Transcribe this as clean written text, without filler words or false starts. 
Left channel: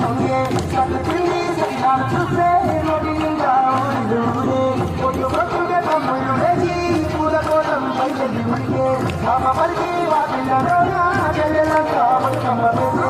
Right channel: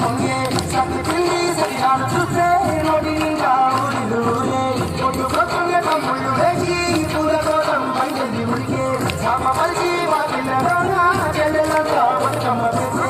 పొంగే సతి పిల్లి సతినాడు చూస్తే నోటి నిండా ఊరిదూరే పొద్దు పొద్దుగా తమ్ముళ్ళు వేసి పూల కోసం బయటది ఉడికే అమ్మ పరిచి మా పిల్లలోన చెల్లెలంతా బతుకమ్మ పేసే